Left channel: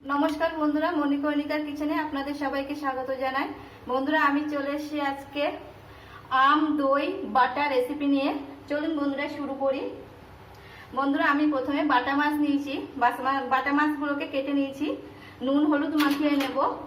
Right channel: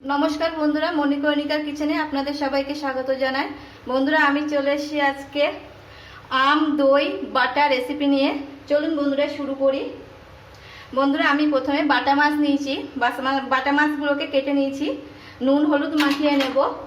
नमस्कार बंधुरा मणिकर्णिकार किचेने आपनादेर सबाइके स्वागत जानाई। बंधुरा आमी चले एसेछि आजके आम दई बाटा रेसिपि निये। चलुन बंधुरा शुरू करी। बंधुरा आमी प्रथमे बाटा माछ नियेछि। बाटा माछगुलोके केटे नियेछि, नुन हलुद माखिये नेब।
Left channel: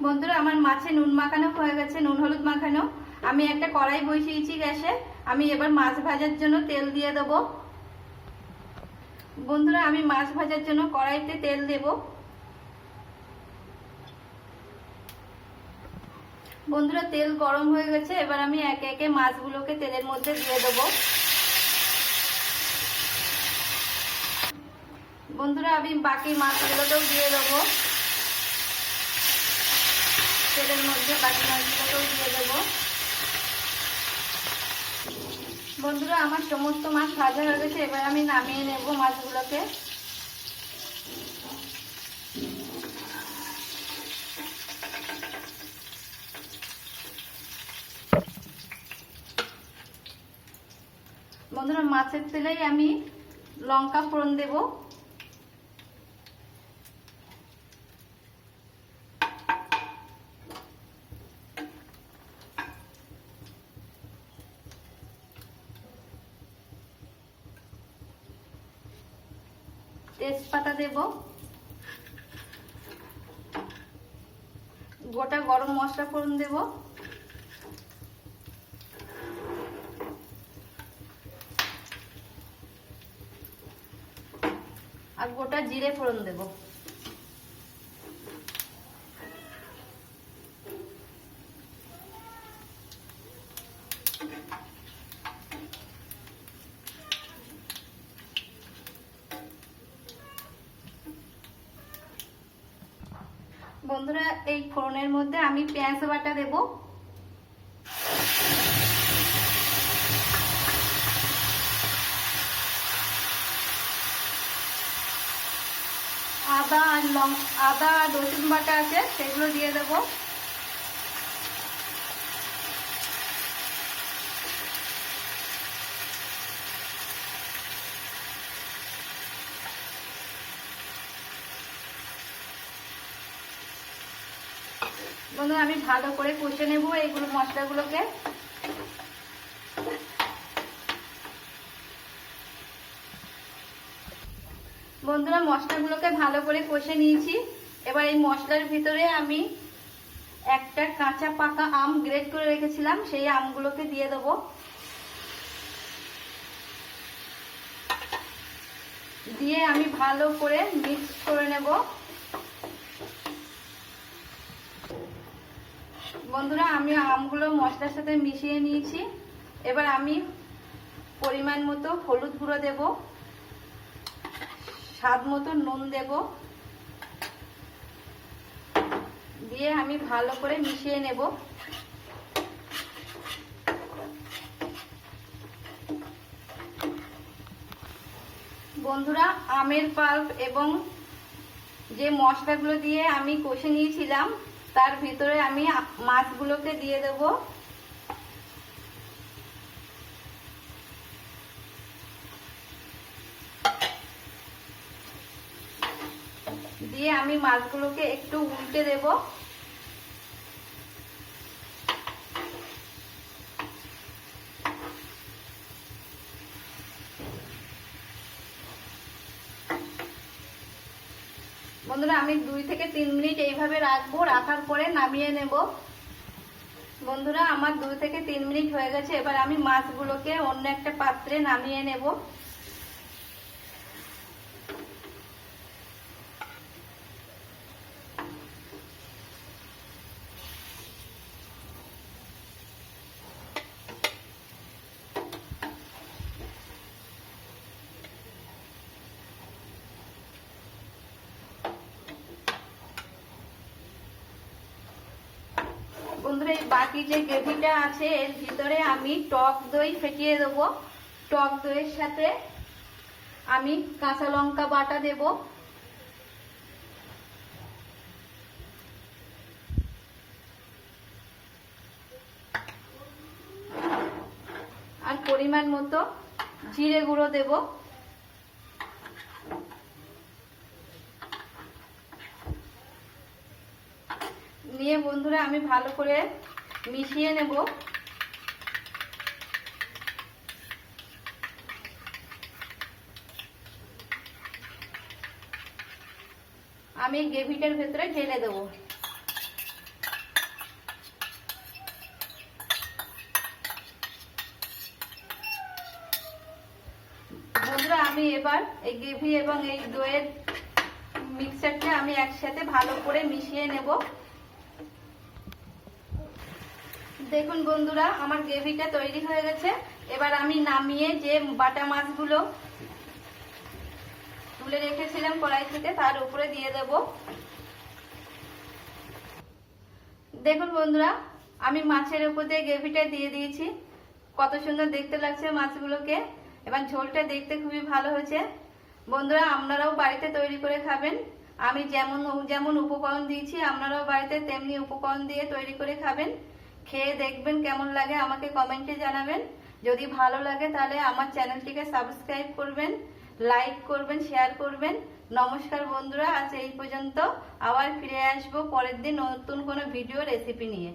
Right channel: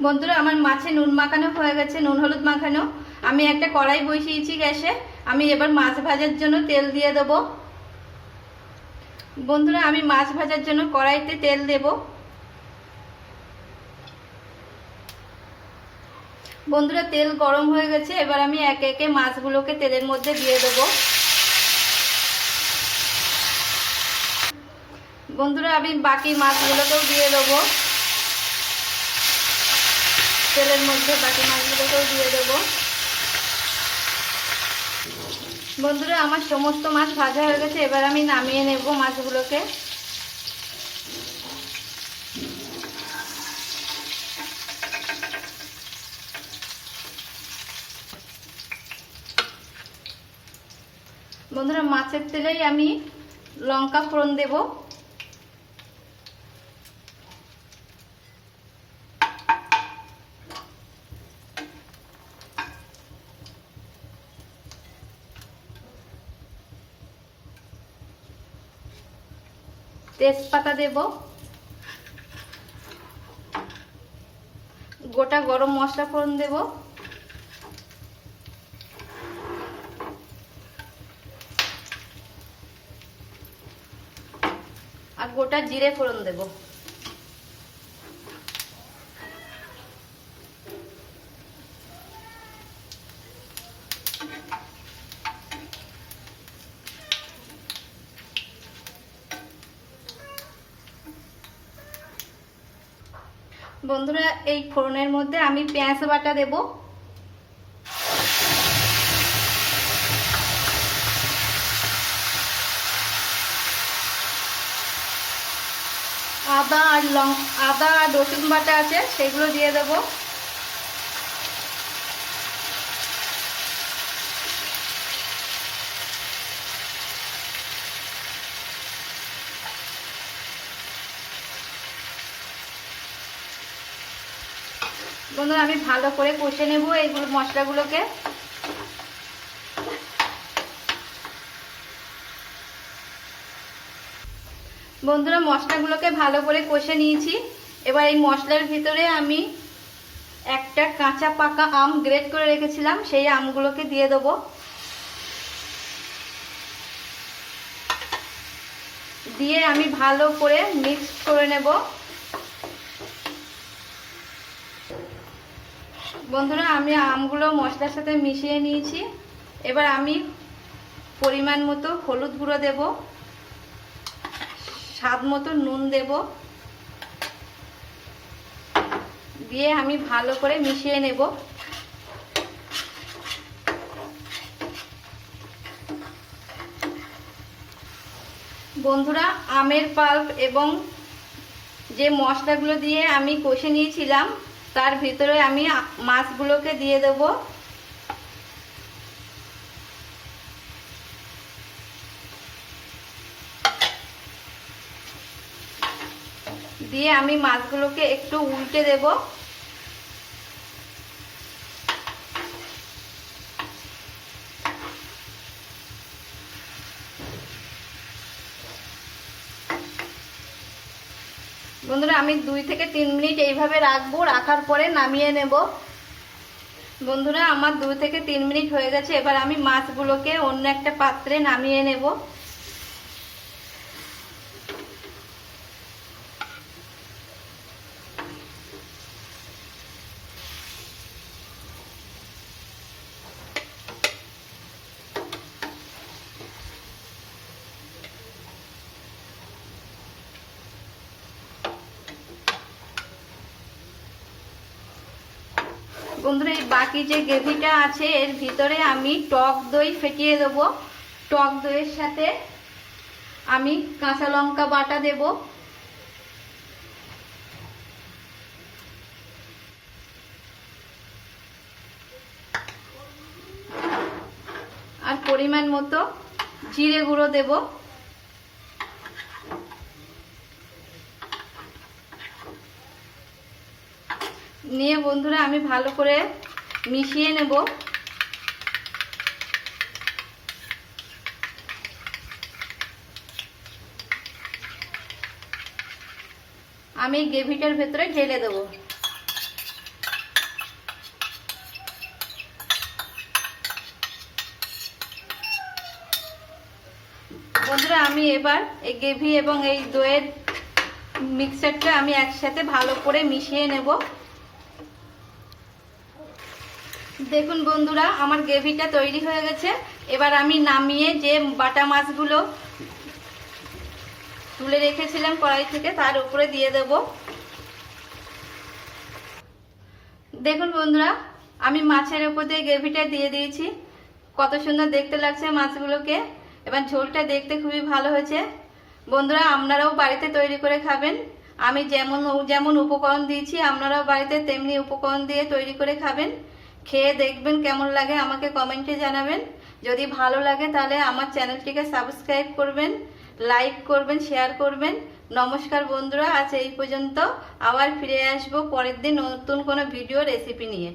बंधुरा आमार माछे नुन माखानो हये गेछे, नुन हलुद माखानो। आमी एकटा कड़ाई बसिয়েছি গ্যাসে। आमी एबार माछ भाजार जोन्नो तेल दिये देब। बंधुरा आमी माछ भाजार जोन्नो कड़ाईते तेल देब। बंधुरा तेल गरम हये गेछे, एबार आमी एके एके माछगुलोके तेलेर मধ্যে दिये देब। बंधुरा आमी बाकी माछगुलोकेও दिये देब। तेलेर मধ্যে बाकी माछगुलोकेও दिये देब। बंधुरा आमार समस्त माछ भाजा हये गेछे, एबार आमी नामिये नेब माछगुलोके। बंधुरा माछेर तेलेई आमी लंका फोड़न देब। तेजपाता देब, गोटा गरम मशला फोड़न देब, और गोटा जिरे फोड़न देब। बंधुरा এই ফোড়নের মধ্যে আমি পেঁয়াজ বাটা দেব। আদা আর রসুন বাটা আছে সেগুলো দিয়ে দেব। বন্ধুরা আমি ভালো করে কষে নেব এইগুলো মশলাগুলোকে। বন্ধুরা মশলাগুলোকে ভালো করে কষে নিয়েছি। এবার এই মশলার ভিতরে আমি একটা কাঁচা পাকা আম গ্রেট করে রেখেছিলাম, সেই আমগুলোকে দিয়ে দেব। দিয়ে আমি ভালো করে মিক্স করে নেব। বন্ধুরা আমি আমগুলো মশলার সাথে মিশিয়ে নিয়েছি। এবার আমি পরিমাণ মতো হলুদ গুঁড়ো দেব, স্বাদ মতো নুন দেব, দিয়ে আমি ভালো করে মিশিয়ে নেব। বন্ধুরা আমের পাল্প এবং যে মশলাগুলো দিয়ে আমি কষে নিয়েছিলাম তার ভিতরে আমি মাছগুলোকে দিয়ে দেব। দিয়ে আমি মাছগুলোকে একটু উল্টে দেব। বন্ধুরা আমি 2 থেকে 3 মিনিট এইভাবে রাখবো, রাখার পরে নামিয়ে নেব। বন্ধুরা আমার 2 থেকে 3 মিনিট হয়ে গেছে। এবার আমি মাছগুলোকে অন্য একটা পাত্রে নামিয়ে নেব। বন্ধুরা এই বাকি যে গ্রেভিটা আছে এর ভিতরে আমি টক দই ফেটিয়ে দেব। টক দইয়ের সাথে আমি কাঁচা লঙ্কা বাটা দেব, পরিমাণ মতো জিরে গুঁড়ো দেব। নিয়ে বন্ধুরা আমি ভালো করে মিশিয়ে নেব। আমি গ্রেভিটার ভেতরে ঢেলে দেব। বন্ধুরা আমি এবার এই গ্রেভি এবং এই দইয়ের মিক্সচারটা আমি একসাথে ভালো করে মিশিয়ে নেব। দেখুন বন্ধুরা আমার গ্রেভিটা তৈরি হয়ে গেছে। এবার আমি নামিয়ে যে বাটা মাছগুলো তুলে রেখেছিলাম কড়াই থেকে তার উপরে দিয়ে দেব। দেখুন বন্ধুরা আমি মাছের উপর দিয়ে গ্রেভিটা দিয়ে দিয়েছি। কত সুন্দর দেখতে লাগছে মাছগুলোকে। এবার ঝোলটা দেখতে খুবই ভালো হয়েছে। বন্ধুরা আপনারাও বাড়িতে তৈরি করে খাবেন। আমি যেমন উপকরণ দিয়েছি আপনারাও বাড়িতে তেমনি উপকরণ দিয়ে তৈরি করে খাবেন। খেয়ে দেখবেন কেমন লাগে, আমাকে কমেন্টে জানাবেন। যদি ভালো লাগে তাহলে আমার চ্যানেলটিকে সাবস্ক্রাইব করবেন, লাইক করবেন, শেয়ার করবেন। নমস্কার বন্ধুরা, আজ এই পর্যন্ত। আবার ফিরে আসবো পরের দিন নতুন কোনো ভিডিও রেসিপি নিয়ে।